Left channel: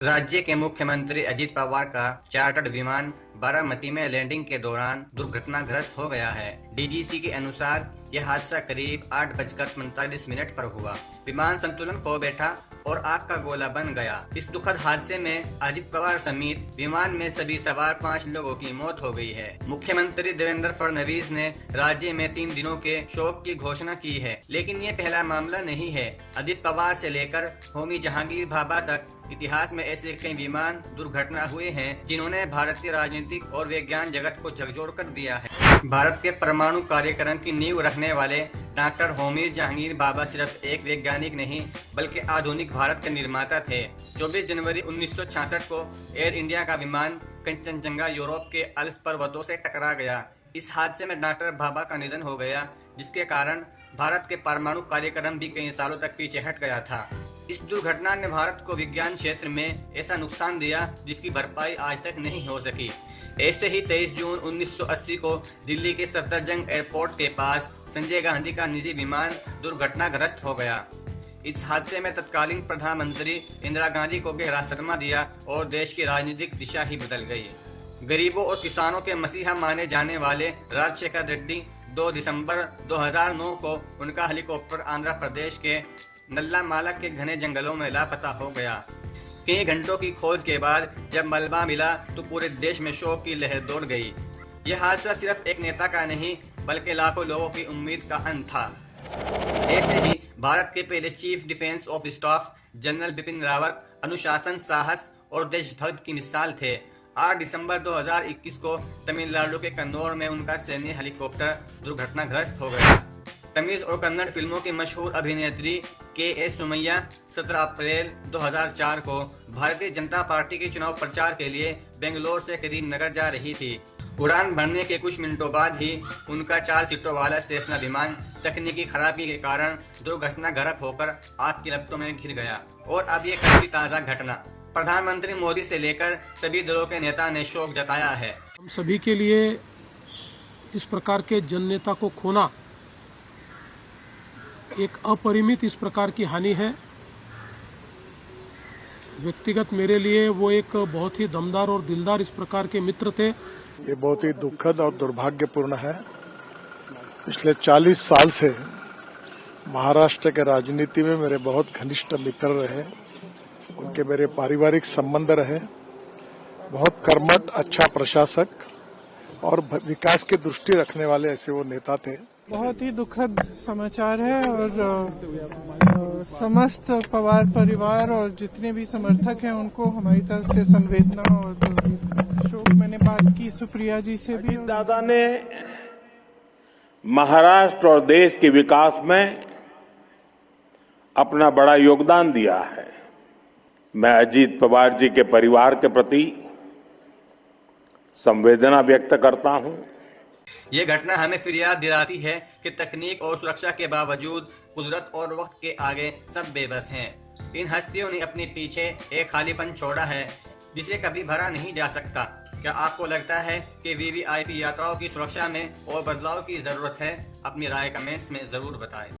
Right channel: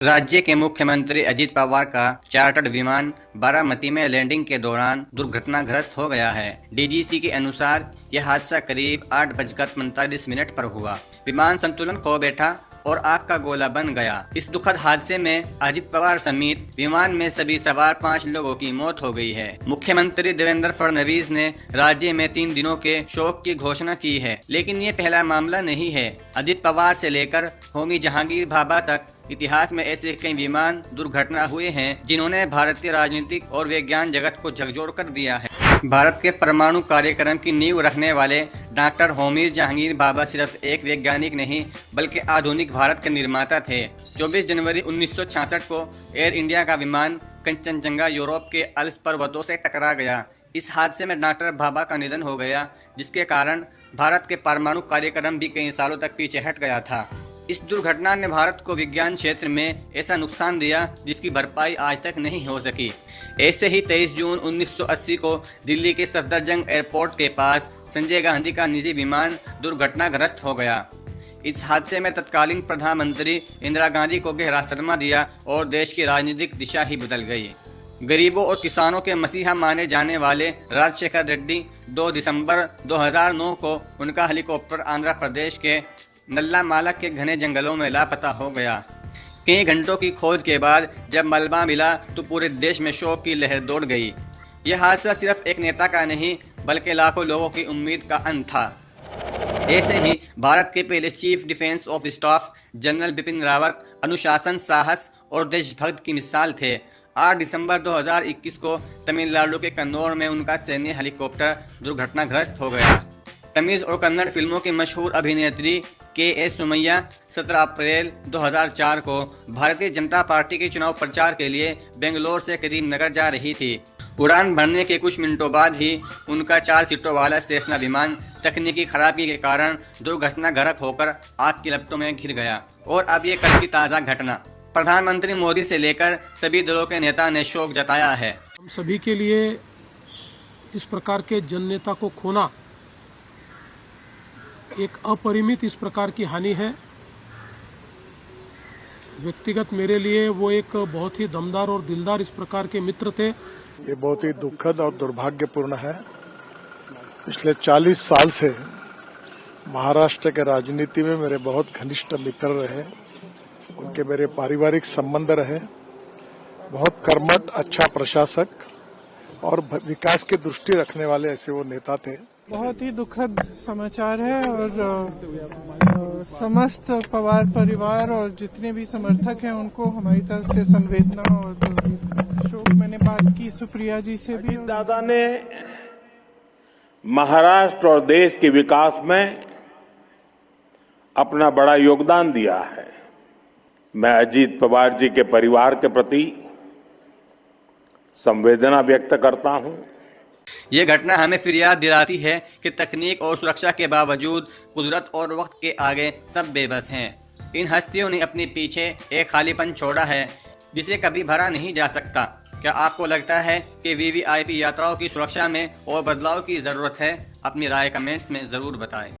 राज्य के मुख्यमंत्री अजित पवार का चार्टर्ड विमान बारामती में लैंडिंग के दौरान दुर्घटनाग्रस्त हो गया है। डीजीसी के अनुसार यह हादसा करीब 8:45 पर हुआ। विमान संतुलन खो बैठा और आग का गोला बन गया। इस दुखद हादसे में अजित पवार समेत विमान में सभी सवार 5 लोगों की मौत हो गई है। मुख्यमंत्री देवेंद्र फडणवीस ने राज्य में 3 दिनों के शोक की घोषणा की है, लेकिन ये पहला मामला नहीं है। अजित पवार से लेकर होमी जहांगीर भाभा तक इतिहास में ऐसे कई विमान दुर्घटना हुए हैं जिन्होंने भारतीय राजनीतिक और विज्ञान जगत को झकझोर कर दिया है। भारत के परमाणु कार्यक्रम की नींव रखने वाले डॉक्टर होमी जहांगीर भाभा सिर्फ एक वैज्ञानिक नहीं बल्कि आधुनिक भारत के निर्माता थे। 24 जनवरी 1966 को एयर इंडिया का विमान कंचनजंगा यूरोप के अल्प्स पर्वतों से टकरा गया। इस हादसे में डॉक्टर भाभा का निधन हो गया, जिसके कारण भारत के परमाणु कार्यक्रम भी कई सालों तक पीछे हट गया था। इस दुर्घटना ने भारत को विज्ञान क्षेत्र में ऐसा नुकसान दिया जिसकी भरपाई आज तक नहीं हो सकी। ऐसे ही 23 जून 1980 को दिल्ली के सफदरजंग एयरपोर्ट के पास संजय गांधी का निजी विमान दुर्घटनाग्रस्त हो गया। इस हादसे में तत्कालीन प्रधानमंत्री इंदिरा गांधी को गहरा सदमा दिया और देश की राजनीतिक दिशा ही बदल गई। गरीबों और किसानों के मसीहा माने जाने वाले राजशेखर रेड्डी 2 दिसंबर 2009 को उनका हेलीकॉप्टर आंध्र प्रदेश के नल्लामाला के घने जंगलों में लापता हो गया। कई घंटों की खोज के बाद जब मलबा मिला तो पूरे देश में शोक की लहर दौड़ गई। यह हादसा सिर्फ एक नेता का नहीं बल्कि लाखों लोगों की उम्मीद का अंत था। ऐसे ही भारत के पहले chief defence of staff general Bipin Rawat अनुशासन, साहस और देशभक्त की मिसाल थे। 8 दिसंबर 2021 को तमिलनाडु के कन्नौर में उनका सैन्य हेलीकॉप्टर दुर्घटनाग्रस्त हो गया। तमिल और कन्नड़ फिल्मों की मशहूर अभिनेत्री के.एस. सुमैया 17 अप्रैल 2004 को भारतीय जनता पार्टी के चुनाव प्रचार के लिए बेंगलोर से करीमनगर जा रही थी। उड़ान भरने के कुछ मिनटों बाद ही उनका 4 सीटों वाला सेस्ना विमान तकनीकी खराबी के कारण दुर्घटनाग्रस्त होकर आग की लपटों में घिर गया। और अब ये कल की ताज़ा घटना। प्रधानमंत्री मोदी से लेकर सभी दलों के नेता ने शोक जताया है। हम सभी के लिए इस प्रकार के जन नेता को खोना एक अपरिमित इस प्रकार की हानि है। व्यक्तिगत मेरे लिए वो एक बहुत ही दमदार और दिलदार इस प्रकार के मित्र थे। ये बहुत ही दुखद और दुर्भाग्यपूर्ण है। पिछले 40 साल से महाराष्ट्र के राजनीति में मेरे बहुत घनिष्ठ मित्र रहे, उनके मेरे पारिवारिक संबंध रहे। बहुत कर्मठ, अच्छा प्रशासक और विकास की दृष्टि रखने वाले ऐसे वो नेता थे। बहुत ही दुखद समाचार है और समस्त पवार परिवार और जितने भी समर्थक हैं उनको हमारी तरफ से संवेदना और शोक। मैंने बात की सुप्रिया जी से भी। दादा ने महाराष्ट्र और देश के विकास में अपना बड़ा योगदान दिया है। मैं अजीत पवार जी के परिवार के प्रति संवेदना व्यक्त करता हूं। ये घटना हमें फिर याद दिलाती है कि तकनीक और सुरक्षा के बावजूद कुदरत और वक्त के आगे सब बेबस हैं। इन हस्तियों ने अपने पीछे एक खालीपन छोड़ा है जिसे कभी भरा नहीं जा सकता। क्या आपको लगता है कि वीवीआईपी यात्राओं की सुरक्षा में और बदलाव की जरूरत है? अपनी राय कमेंट्स में जरूर बताएं।